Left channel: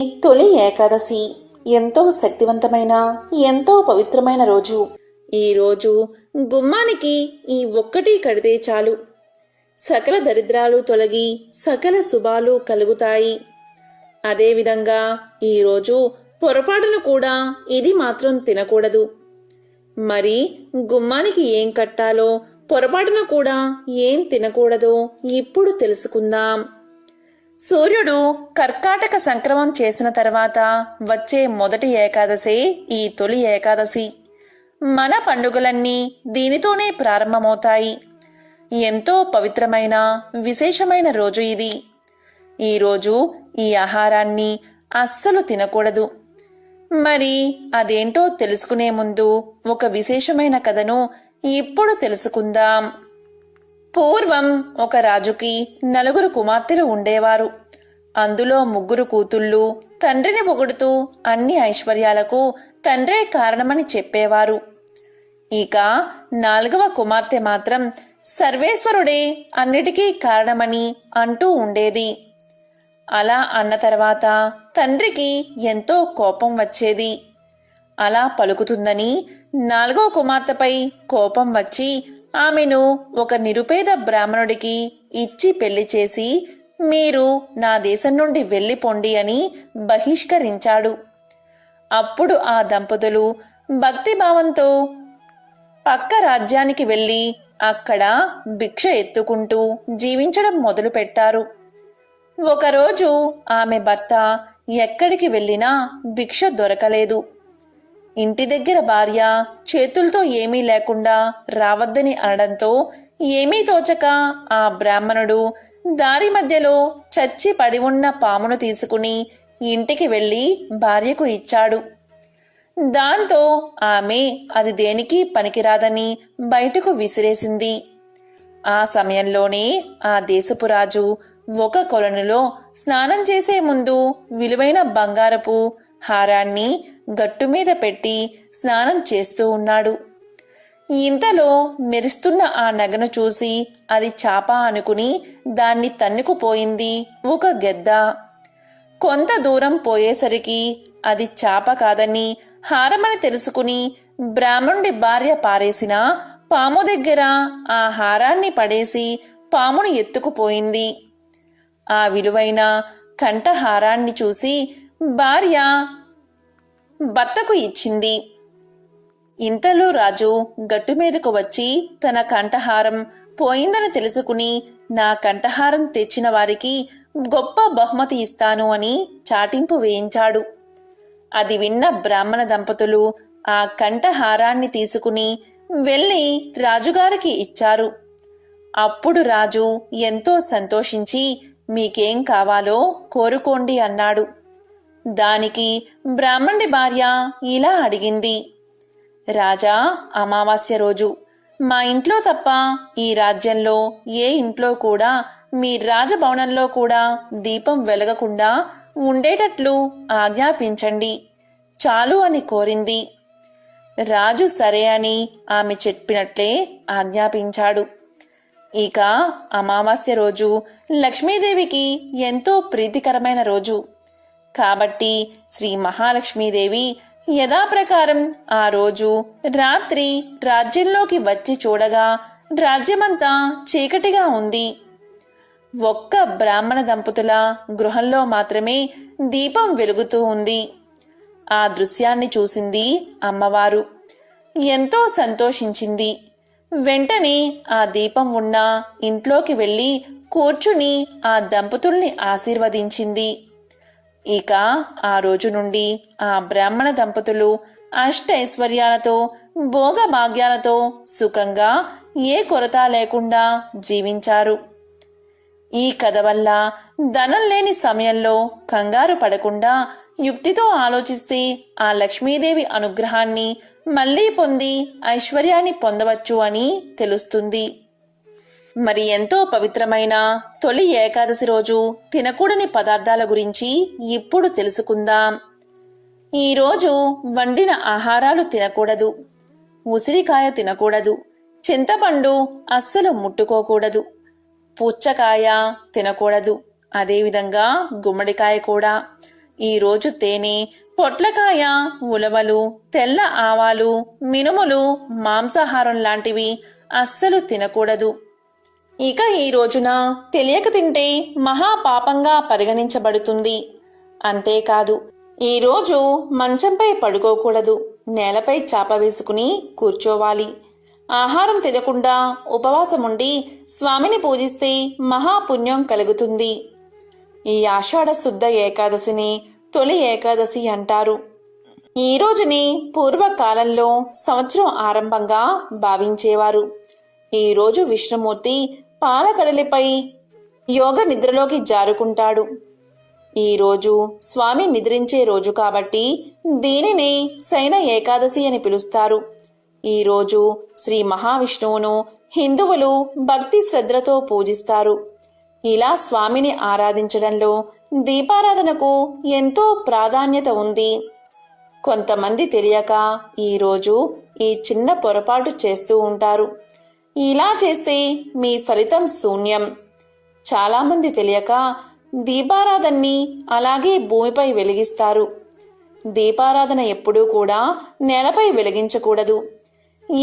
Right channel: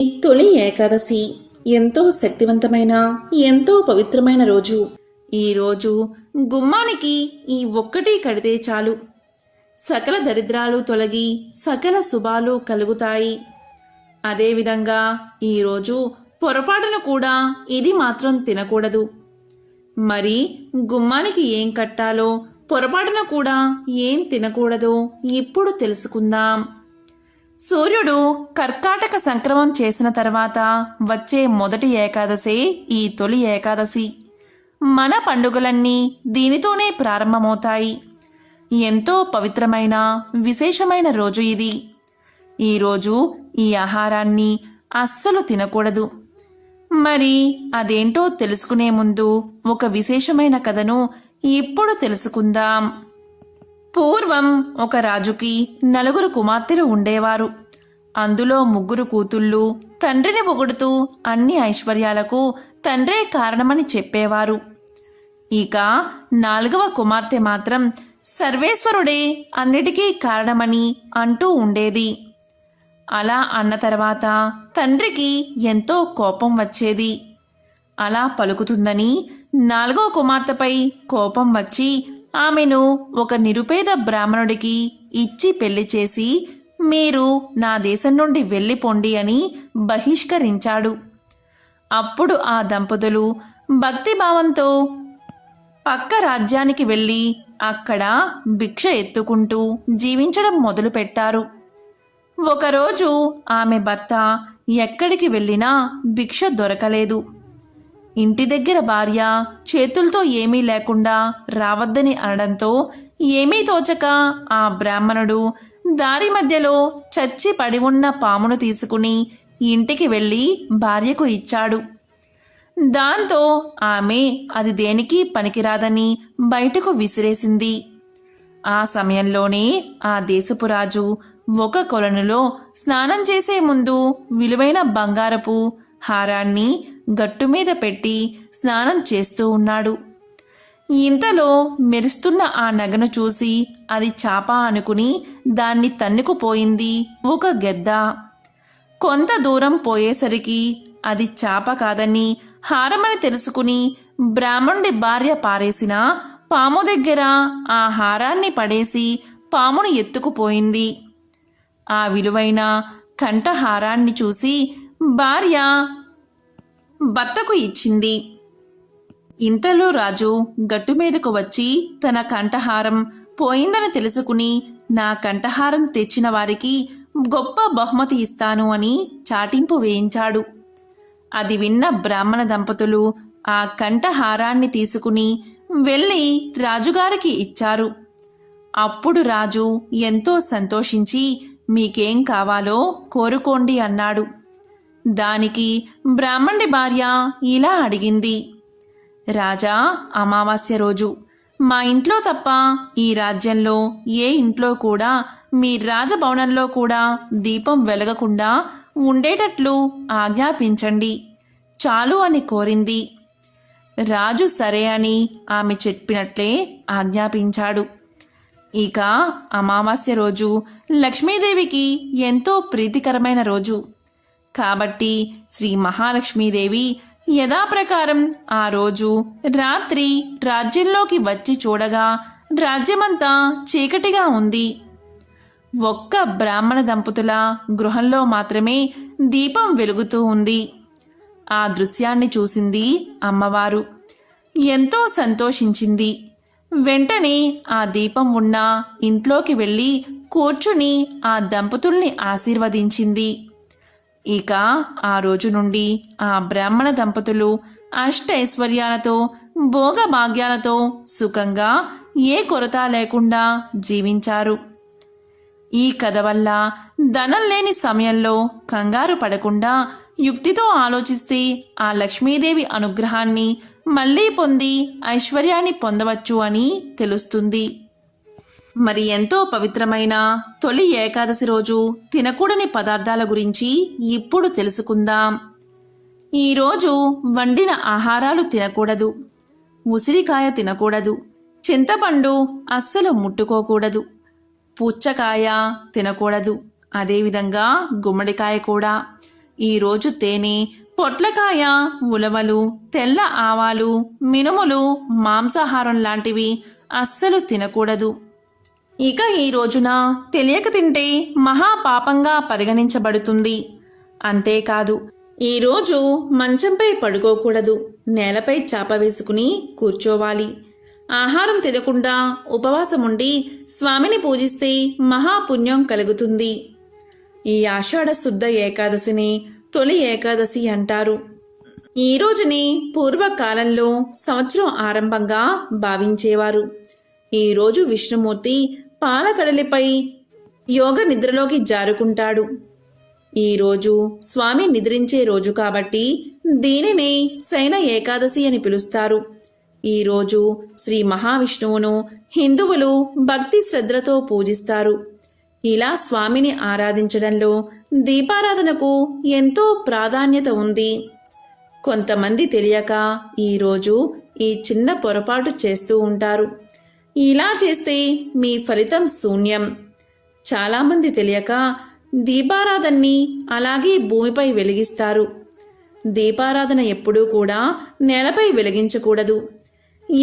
తొలి ఏకాదశి ఎంతో శక్తివంతమైన ఎంతో పవిత్రమైన రోజు. ఈ రోజు గుమ్మానికి ఈ ఒక్కటి కడితే చాలు, సకల దరిద్రాలు తొలగి సకల శుభాలు కలుగుతాయి. అదేవిధంగా ఈరోజు పొరపాటున కూడా ఇది మాత్రం తినకూడదు. మరి గుమ్మానికి ఏం కట్టాలో, పొరపాటున కూడా ఏం తినకూడదో ఇప్పుడు తెలుసుకుందాం. సూర్యుడు కర్కాటక సంక్రమం చేసిన తర్వాత వచ్చే మొదటి ఏకాదశి ఈ తొలి ఏకాదశి. మన పండుగలన్నీ దీనితోనే ప్రారంభమవుతాయి. ఎంతో పవిత్రమైన విశేషమైన రోజు ఇది. ఈరోజు ఈ ఆహారాన్ని అస్సలు తినకూడదు. మరి అదేంటో తెలుసుకునే ముందు ఒక విశేషమైన కథను ఇప్పుడు తెలుసుకుందాం. పూర్వం ఒక రాజుకి 4 కుమార్తెలు ఉండేవారు. అందులో 3 కూతుళ్ళు తండ్రిని పొగుడుతూ అన్ని ఐశ్వర్యాలకు తండ్రే కారణమని చెప్పేవారు. ఇక 4వ కుమార్తె మాత్రం సర్వేశ్వరుడే అన్నిటికీ కారణమని అంటూ ఉండేది. అలా అన్న తర్వాత తండ్రికి ఎంతో కోపం వచ్చేది. అలా పలుకుతుందని 4వ కుమార్తెపై కోపం వచ్చి ఆమెను ఒక నిరుపేద బ్రాహ్మణుడికి ఇచ్చి పెళ్లి చేసి, మీరు నా దేశం నుండి వెళ్ళిపోండి అని బహిష్కరించాడు. అప్పుడు ఆ దంపతులు భక్తిభావంతో పక్క రాజ్యానికి వెళ్ళి అక్కడ భిక్ష ఎత్తుకుంటూ జీవించడం మొదలుపెట్టారు. ఒకరోజు ఆమె భర్త ఎక్కడికి వెళ్ళినా భిక్ష దొరకలేదు. ఇంటి దగ్గర భార్య చేతులతో ఏమీ లేకుండా రావద్దని అనడంతో ఏమీ తోచక ఆ బ్రాహ్మణుడు దారి మధ్యలో చచ్చి పడి ఉన్న పామును తీసుకుని ఇంటికి వెళ్ళి భార్యకు ఇచ్చాడు. దాంతో ఆమె అది దేనికి పనికిరాదని బయటకు విసిరేసింది. ఆ సమయంలోనే ఆ దేశపు రాజు ఒక కొలనులో స్నానం చేసే ముందు విలువైన బంగారపు హారాన్ని గట్టు మీద పెట్టి స్నానం చేస్తూ ఉన్నాడు. ఇంతలో మెరుస్తున్న ఆ నగను చూసి అది చాప అనుకుని దాన్ని తన్నుకుపోయింది ఒక గెద్ద. కొంత దూరం పోయేసరికి అది చాప కాదని హారమని తెలుసుకుని బ్రాహ్మణుడి భార్య పారేసిన పాము దగ్గర ఆ హారాన్ని పడేసి పామును ఎత్తుకుపోయింది. ఆ విలువైన కంఠహారాన్ని చూసి భార్య భర్తకు ఇచ్చింది. ఇంతలో రాజు గట్టు మీదకు వచ్చి తన కంఠహారం పోయిందని తెలుసుకుని, నా కంఠహారం తెచ్చిన వారికి గొప్ప బహుమతి ఇస్తాను అని చాటింపు వేయించాడు. అది విన్న బ్రాహ్మణ దంపతులు ఆ కంఠహారాన్ని తీసుకుని వెళ్ళి రాజుగారికి ఇచ్చారు. అప్పుడు రాజు ఎంతో సంతోషించి, మీకేం కావాలో కోరుకోండి అన్నాడు. దానికి బ్రాహ్మణుడి భార్య ఇలా అడిగింది, రాజా, అమావాస్య రోజు మా ఇంట్లో తప్ప ఈ రాజ్యంలో ఏ ఇంట్లో కూడా మీ రాజభవనంలో కూడా దీపం వెలగకుండా ఉండేటట్లు ఆజ్ఞాపించండి చాలు అని కోరింది. రాజు సరే అని ఆమె చెప్పినట్లే ఆజ్ఞాపించాడు. ఇక అమావాస్య రోజు లక్ష్మీదేవికి ఎంతో ప్రీతికరమైన రోజు కాబట్టి శ్రీ మహాలక్ష్మీదేవి యథాప్రకారం ఆ రోజు రాత్రి రాజ్యంలోకి వచ్చి చూడగా రాజ్యమంతా చీకటిగా ఉంది. ఒక్క బ్రాహ్మణ దంపతుల గృహంలో మాత్రమే దీపం వెలుగుతూ ఉంది. ఆ దృశ్యాన్ని చూసింది అమ్మవారు. ఎంతో సంతోషించింది. వెంటనే ఆ దీపం ఉన్న ఇంట్లోకి వెళ్ళి కూర్చుని ఆ దంపతుల్ని ఆశీర్వదించింది. ఇక ఆ రోజు నుండి ఆ బ్రాహ్మణ దంపతులు అష్టైశ్వర్యాలతో భోగభాగ్యాలతో సుఖంగా ఏ కొరత లేకుండా జీవించారు. ఈ కథ వల్ల ధనం లేని సమయంలో కంగారు పడకుండా యుక్తితో ఆలోచిస్తే ఆ లక్ష్మీదేవి అనుగ్రహాన్ని మళ్లీ పొంది ఐశ్వర్యాన్ని పొందవచ్చు అని తెలుస్తుంది. మరి ఎంతో పవిత్రమైన తొలి ఏకాదశి రోజు తినకూడని పదార్థాల గురించి ఇప్పుడు తెలుసుకుందాం. ఈరోజు వండిన ఆహారాలు తినకూడదు. ఉసిరికాయ తినకూడదు. చింతపండు అస్సలు ముట్టుకోకూడదు. పుచ్చకాయ తినకూడదు. అదేవిధంగా గుమ్మడికాయ కూడా. ఈరోజు తేనె, పొట్లకాయ, ఉలవలు, తెల్ల ఆవాలు, మినుములు, మాంసాహారం లాంటివి అస్సలు తినకూడదు. ఇక ఈ రోజున తెలియక తింటే మహాపాపంగా పరిగణించబడుతుంది. అంతేకాదు, ఈరోజు మంచంపై పడుకోకూడదు. నేలపై చాప వేసుకుని కూర్చోవాలి. ఆహారం తినకుండా ఉపవాసముండి స్వామిని పూజిస్తే మహాపుణ్యం కలుగుతుంది. ఈ ఆషాఢ శుద్ధ ఏకాదశిని తొలి ఏకాదశి అంటారు. ఈ రోజుని పూర్వకాలంలో సంవత్సరం ఆరంభంగా భావించేవారు. ఈరోజు విష్ణుమూర్తి పాలకడలిపై యోగ నిద్రలోకి జారుకుంటాడు. ఈరోజు స్వామి నిద్రించే రోజు కాబట్టి దీనిని శయన ఏకాదశి అని పిలుస్తారు. ఈరోజు శ్రీ మహావిష్ణువును హిందువులు భక్తి శ్రద్ధలతో పూజిస్తారు. ఇలా స్వామిని ఆరాధించడంలో దీపారాధనకు ఎంతో ప్రాధాన్యత ఉంది. కొంతమంది తెలియక ఈరోజు ఈ చిన్న పొరపాటు చేస్తూ ఉంటారు. ఇలా చేస్తే మీ ఫలితం శూన్యం. చాలామంది తెలియక దీపారాధనని అలాగే భూమిపై వెలిగిస్తారు. దీపారాధన ఎప్పుడూ కూడా నేలపై వెలిగించకూడదు.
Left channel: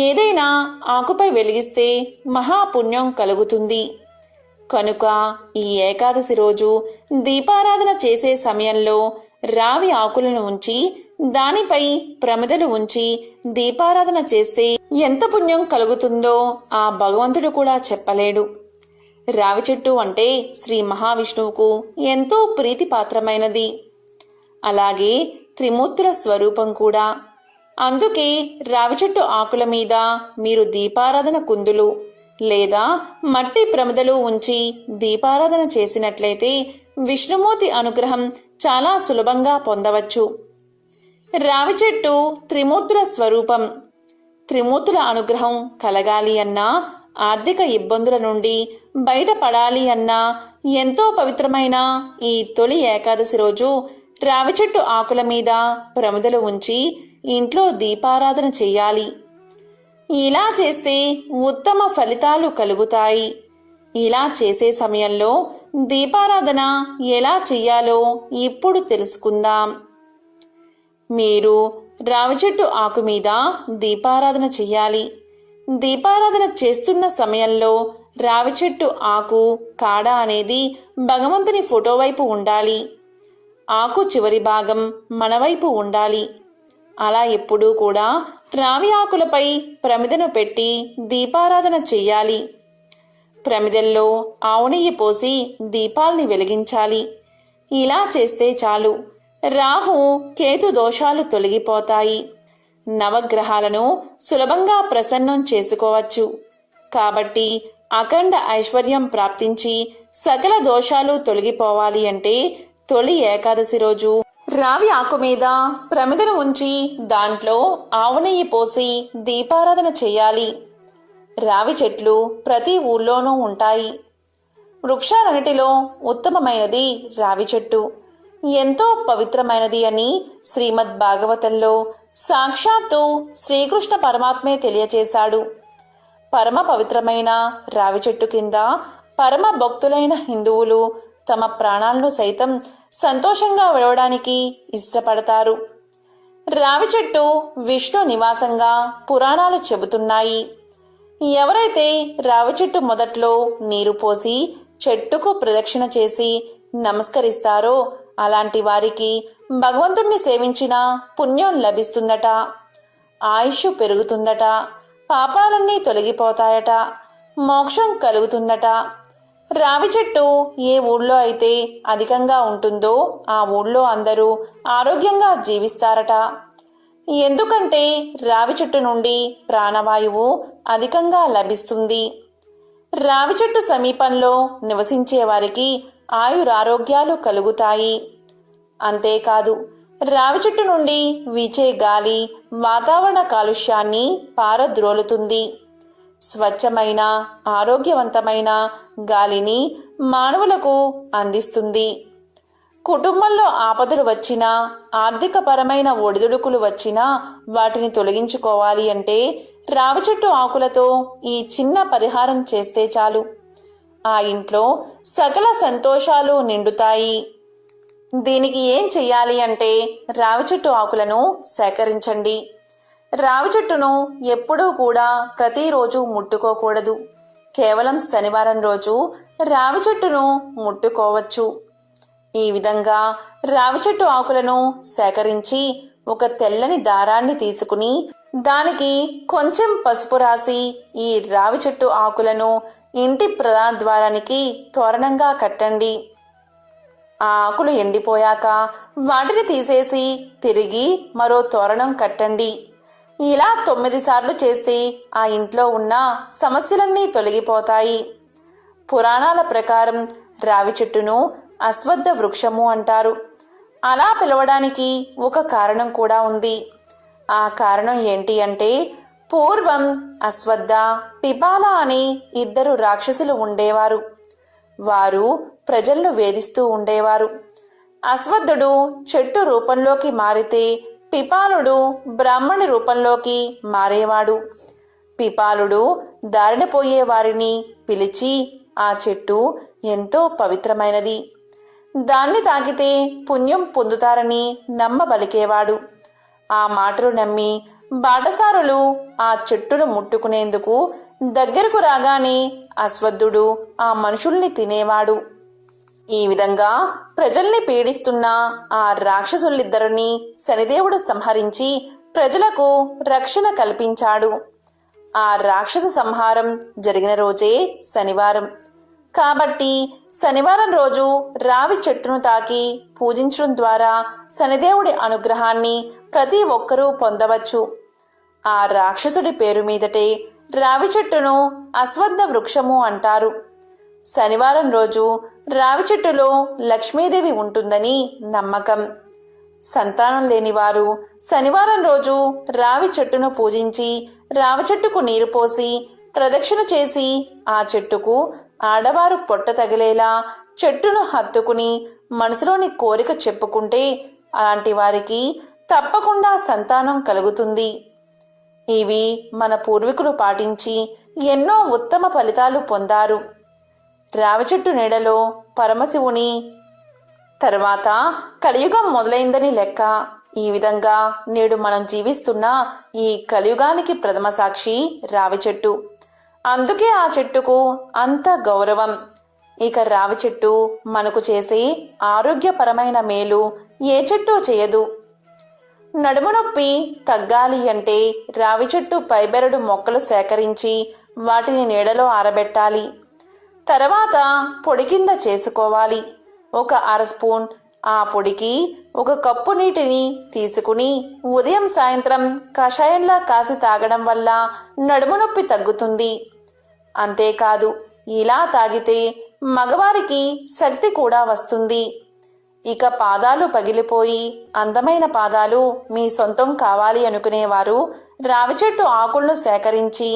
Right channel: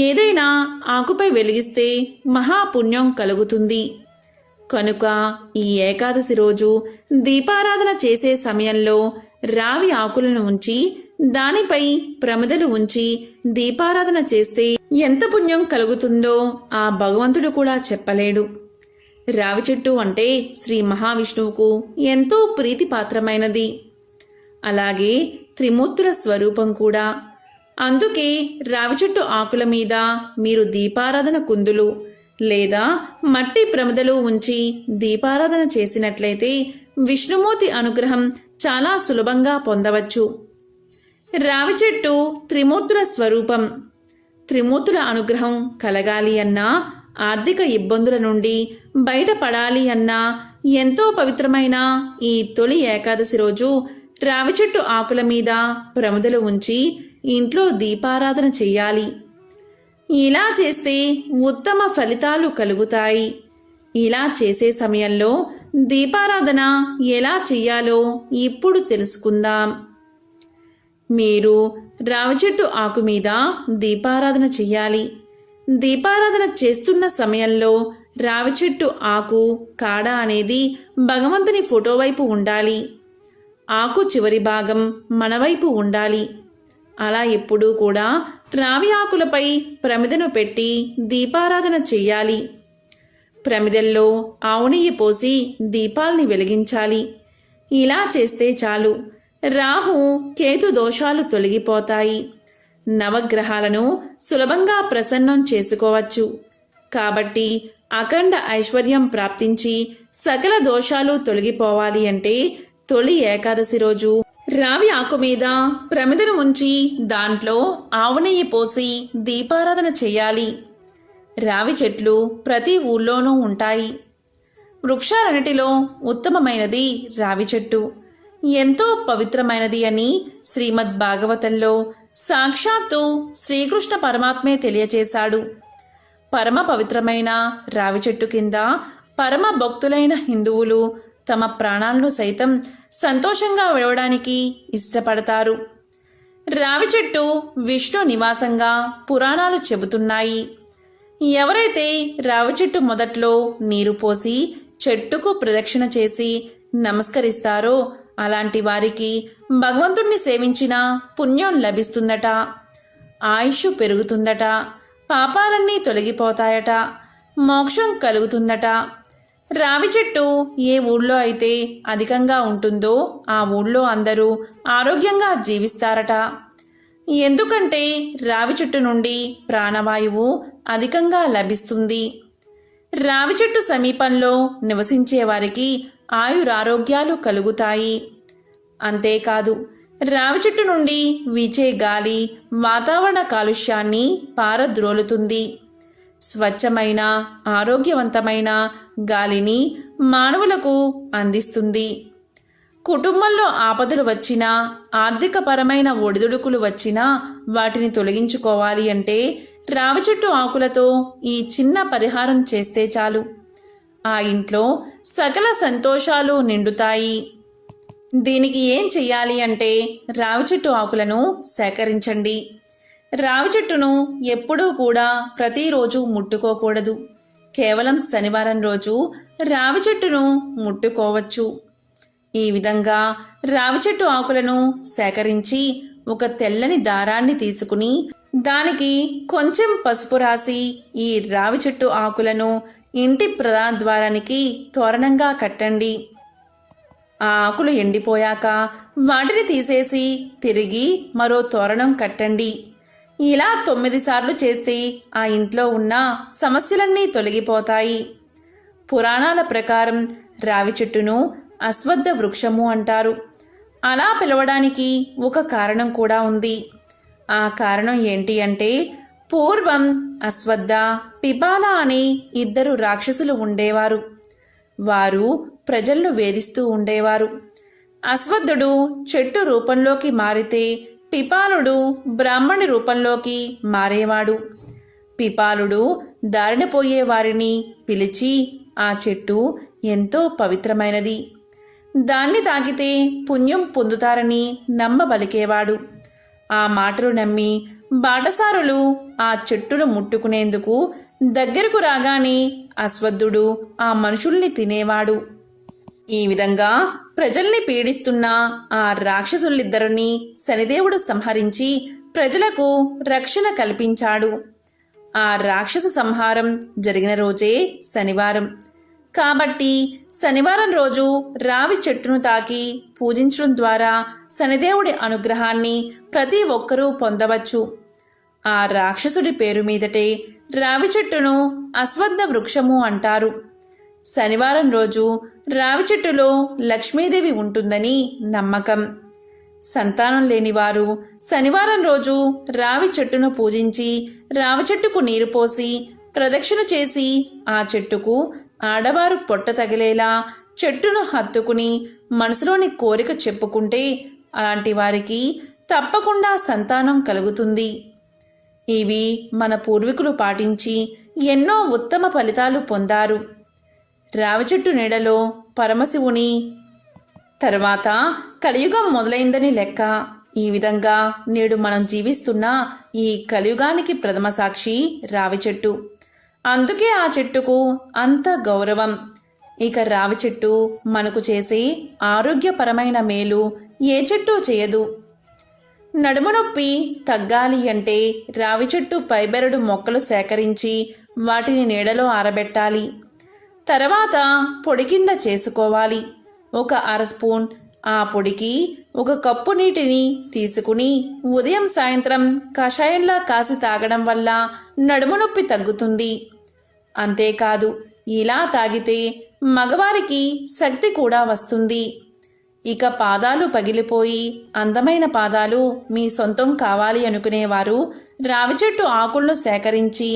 ఏదైనా ఆకుపై వెలిగిస్తే మహాపుణ్యం కలుగుతుంది. కనుక ఈ ఏకాదశి రోజు దీపారాధన చేసే సమయంలో రావి ఆకులను ఉంచి దానిపై ప్రమిదలు ఉంచి దీపారాధన చేస్తే ఎంత పుణ్యం కలుగుతుందో ఆ భగవంతుడు కూడా చెప్పలేడు. రావి చెట్టు అంటే శ్రీ మహావిష్ణువుకు ఎంతో ప్రీతిపాత్రమైనది. అలాగే త్రిమూర్తుల స్వరూపం కూడా. అందుకే రావి చెట్టు ఆకుల మీద మీరు దీపారాధన కుందులు లేదా మట్టి ప్రమిదలు ఉంచి దీపారాధన చేసినట్లయితే విష్ణుమూర్తి అనుగ్రహం చాలా సులభంగా పొందవచ్చు. రావి చెట్టు త్రిమూర్తుల స్వరూపం. త్రిమూర్తుల అనుగ్రహం కలగాలి అన్నా, ఆర్థిక ఇబ్బందుల నుండి బయటపడాలి అన్నా ఎంతో పవిత్రమైన ఈ తొలి ఏకాదశి రోజు రావి చెట్టు ఆకుల మీద ప్రమిదలు ఉంచి ఇంట్లో దీపారాధన చెయ్యాలి. ఇలా చేస్తే ఉత్తమ ఫలితాలు కలుగుతాయి. ఇలా చేసే సమయంలో దీపారాధన ఎలా చెయ్యాలో ఇప్పుడు తెలుసుకుందాం. మీరు రావి చెట్టు ఆకు మీద దీపారాధన చెయ్యాలి. దీపారాధన చేస్తున్న సమయంలో రావి చెట్టు ఆకు కాడ అనేది భగవంతుని ఫోటో వైపు ఉండాలి. ఆకు చివరి భాగం మన వైపు ఉండాలి. అలా ఎప్పుడూ కూడా రావి ఆకులపై ప్రమిదను పెట్టి దీపారాధన చెయ్యాలి. ప్రమిదల్లో ఆవు నెయ్యి పోసి దీపాల్ని వెలిగించాలి. ఇలా చేస్తే చాలు, రాహు కేతు దోషాలు తొలగిపోతాయి. నవగ్రహాలను సులభంగా ప్రసన్నం చేసుకోవచ్చు. కాబట్టి అఖండ ఐశ్వర్యం ప్రాప్తించి సకల దోషాలు తొలగిపోవాలి అంటే తొలి ఏకాదశి రోజు రావి ఆకు మీద ప్రమిదను ఉంచి దాంట్లో ఆవు నెయ్యి పోసి దీపారాధన చేయాలి. రావి చెట్లు ప్రతి ఊళ్ళోనూ ఉంటాయి. వృక్షాలన్నిటిలో ఉత్తమమైనది రావి చెట్టు. ఎంతో పవిత్రమైనది అని శ్రీమద్ భాగవతంలో సాక్షాత్తు శ్రీకృష్ణ పరమాత్మే తెలియచేశాడు. పరమ పవిత్రమైన రావి చెట్టు కింద పరమ భక్తులైన హిందువులు తమ ప్రాణాలను సైతం సంతోషంగా విడవడానికి ఇష్టపడతారు. రావి చెట్టు విష్ణు నివాసంగా పురాణాలు చెబుతున్నాయి. ఎవరైతే రావి చెట్టు మొదట్లో నీరు పోసి చెట్టుకు ప్రదక్షిణ చేసి నమస్కరిస్తారో అలాంటి వారికి భగవంతుణ్ణి సేవించిన పుణ్యం లభిస్తుందట, ఆయుష్ పెరుగుతుందట, పాపాలన్నీ తొలగిపోతాయట, మోక్షం కలుగుతుందట. రావి చెట్టు ఏ ఊళ్ళో అయితే అధికంగా ఉంటుందో ఆ ఊళ్ళో అందరూ ఆరోగ్యంగా జీవిస్తారట. ఎందుకంటే రావి చెట్టు నుండి ప్రాణవాయువు అధికంగా లభిస్తుంది. రావి చెట్టు సమీపంలో నివసించే వారికి ఆయురారోగ్యాలు కలుగుతాయి. అంతేకాదు, రావి చెట్టు నుండి వీచే గాలి వాతావరణ కాలుష్యాన్ని పారద్రోలుతుంది. స్వచ్ఛమైన ఆరోగ్యవంతమైన గాలిని మానవులకు అందిస్తుంది. కుటుంబంలో ఆపదలు వచ్చినా, ఆర్థికపరమైన ఒడిదుడుకులు వచ్చినా వాటిని తొలగించుకోవాలి అంటే రావి చెట్టు ఆకులతో ఈ చిన్న పరిహారం చేస్తే చాలు. ఆ ఇంట్లో సకల సంతోషాలు నిండుతాయి. దీనికి ఏం చెయ్యాలి అంటే రావి చెట్టు ఆకులను సేకరించండి. రావి చెట్టును ఎప్పుడూ కూడా ప్రతిరోజు ముట్టుకోకూడదు. కేవలం శనివారం రోజు రావి చెట్టును ముట్టుకోవచ్చు. ఈ విధంగా రావి చెట్టు ఆకులను సేకరించి ఒక తెల్లని దారాన్ని తీసుకుని దానికి కొంచెం పసుపు రాసి ఈ రావి చెట్టు ఆకులను ఇంటి ప్రధాన ద్వారానికి తోరణంగా కట్టండి. ఆ ఆకులు ఎండిపోయాక వాటిని తీసేసి తిరిగి మరో తోరణం కట్టండి. ఇలా 9 సార్లు చేస్తే ఆ ఇంట్లో ఉన్న సమస్యలన్నీ తొలగిపోతాయి. పురాణాల ప్రకారం రావి చెట్టును అశ్వత్థ వృక్షము అంటారు. అలా పిలవడానికి ఒక కారణం కూడా ఉంది. ఆ కారణం ఏంటి అంటే పూర్వం అశ్వత్థ, పిపాల అనే 2 రాక్షసులు ఉండేవారు. వారు ప్రజలను వేధిస్తూ ఉండేవారు. అశ్వత్థుడు చెట్టు రూపంలోకి మారితే పిపాలుడు బ్రాహ్మణి రూపంలోకి మారేవాడు. పిపాలుడు దారిన పోయే వారిని పిలిచి ఆ చెట్టు ఎంతో పవిత్రమైనది, దాన్ని తాకితే పుణ్యం పొందుతారని నమ్మబలికేవాడు. ఆ మాటలు నమ్మి బాటసారులు ఆ చెట్టును ముట్టుకునేందుకు దగ్గరకు రాగానే అశ్వత్థుడు ఆ మనుషుల్ని తినేవాడు. ఈ విధంగా ప్రజల్ని పీడిస్తున్న ఆ రాక్షసులిద్దరినీ శనిదేవుడు సంహరించి ప్రజలకు రక్షణ కల్పించాడు. ఆ రాక్షస సంహారం జరిగిన రోజే శనివారం. కాబట్టి శనివారం రోజు రావి చెట్టును తాకి పూజించడం ద్వారా శనిదేవుడి అనుగ్రహాన్ని ప్రతి ఒక్కరూ పొందవచ్చు. ఆ రాక్షసుడి పేరు మీదటే రావి చెట్టును అశ్వత్థ వృక్షము అంటారు. శనివారం రోజు రావి చెట్టులో లక్ష్మీదేవి ఉంటుందని నమ్మకం. సంతానం లేనివారు శనివారం రోజు రావి చెట్టును పూజించి రావి చెట్టుకు నీరు పోసి ప్రదక్షిణ చేసి ఆ చెట్టుకు ఆడవారు పొట్ట తగిలేలా చెట్టును హత్తుకుని మనసులోని కోరిక చెప్పుకుంటే అలాంటి వారికి తప్పకుండా సంతానం కలుగుతుంది. ఇవి మన పూర్వీకులు పాటించి ఎన్నో ఉత్తమ ఫలితాలు పొందారు. రావి చెట్టు నీడలో పరమశివుని తర్వాత కలియుగం మొదలైందని లెక్క. ఈ విధంగా నేడు మనం జీవిస్తున్న ఈ కలియుగానికి ప్రథమ సాక్షి రావి చెట్టు. అందుకే ఆ చెట్టుకు అంత గౌరవం. ఇక రావి చెట్టు మనకు చేసే ఆరోగ్యపరమైన మేలు ఏ చెట్టు చేయదు. నడుము నొప్పి తగ్గాలి అంటే రావి చెట్టు పైబెరడు మొక్కలు సేకరించి వాటిని నీడలో ఆరబెట్టాలి. తర్వాత పొడి కింద చేసుకోవాలి. ఒక 1/2 స్పూన్ ఆ పొడికి 1 కప్పు నీటిని తీసుకుని ఉదయం సాయంత్రం కషాయంలా కాసి తాగడం వల్ల నడుము నొప్పి తగ్గుతుంది. అంతేకాదు, ఇలా తాగితే మగవారికి శక్తి కూడా వస్తుంది. ఇక పాదాలు పగిలిపోయి అందమైన పాదాలు మీ సొంతం కావాలి అనుకునేవారు రావి చెట్టు ఆకులను సేకరించి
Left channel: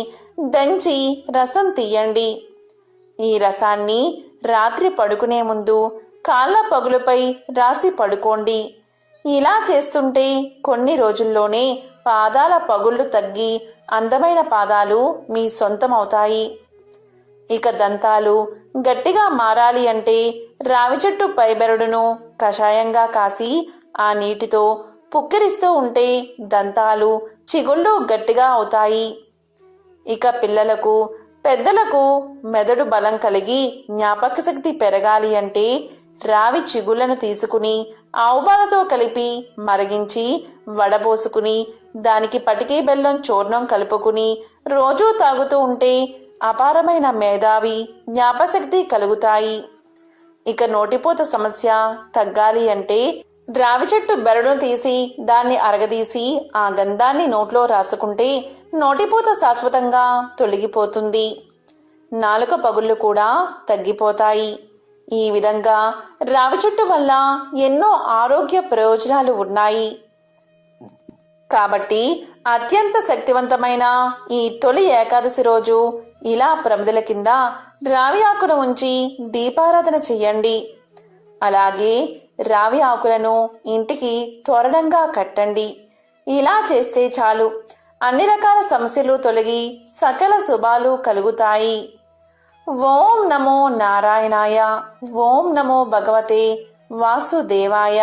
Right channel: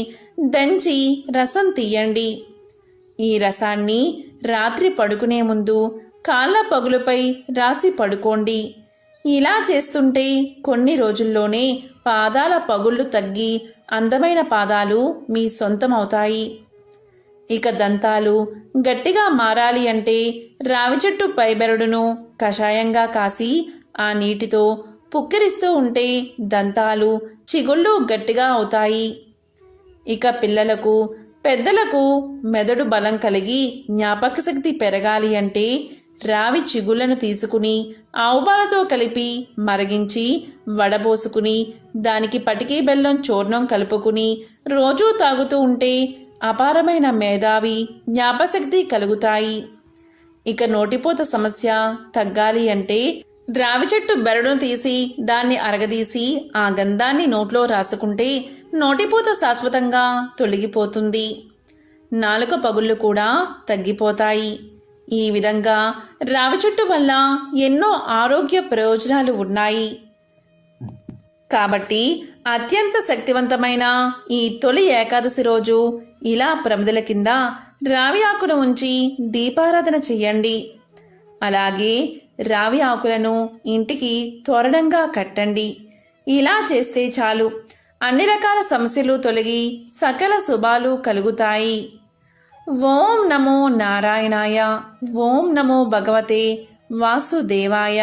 దంచి రసం తీయండి. ఈ రసాన్ని రాత్రి పడుకునే ముందు కాళ్ళ పగులపై రాసి పడుకోండి. ఇలా చేస్తుంటే కొన్ని రోజుల్లోనే పాదాల పగుళ్ళు తగ్గి అందమైన పాదాలు మీ సొంతమవుతాయి. ఇక దంతాలు గట్టిగా మారాలి అంటే రావి చెట్టు పైబెరడును కషాయంగా కాసి ఆ నీటితో పుక్కిరిస్తూ ఉంటే దంతాలు చిగుళ్ళు గట్టిగా అవుతాయి. ఇక పిల్లలకు పెద్దలకు మెదడు బలం కలిగి జ్ఞాపక శక్తి పెరగాలి అంటే రావి చిగుళ్లను తీసుకుని ఆవుపాలతో కలిపి మరిగించి వడబోసుకుని దానికి పటికే బెల్లం చూర్ణం కలుపుకుని రోజూ తాగుతూ ఉంటే అపారమైన మేధావి జ్ఞాపశక్తి కలుగుతాయి. ఇక నోటిపూత సమస్య తగ్గాలి అంటే రావి చెట్టు బెరడును తీసి దాన్ని అరగదీసి ఆ గంధాన్ని నోట్లో రాసుకుంటే నోటిపూత శాశ్వతంగా తొలగిపోతుంది. నాలుక పగుళ్ళు కూడా తగ్గిపోతాయి. ఈ విధంగా రావి చెట్టు వల్ల ఎన్నో ఆరోగ్య ప్రయోజనాలు ఉన్నాయి. కాబట్టి అత్యంత శక్తివంతమైన ఈ తొలి ఏకాదశి రోజు ఇలా ప్రమిదల కింద రావి ఆకును ఉంచి దీపారాధన చెయ్యండి. అలాగే రావి ఆకులను ఇంటికి తోరణంగా కట్టండి. ఇలా చేస్తే చాలు, అన్ని రకాల సమస్యలు తొలగి సకల శుభాలు కలుగుతాయి. ఓం నమో నారాయణాయ. ఓం నమో భగవతే వాసుదేవాయ.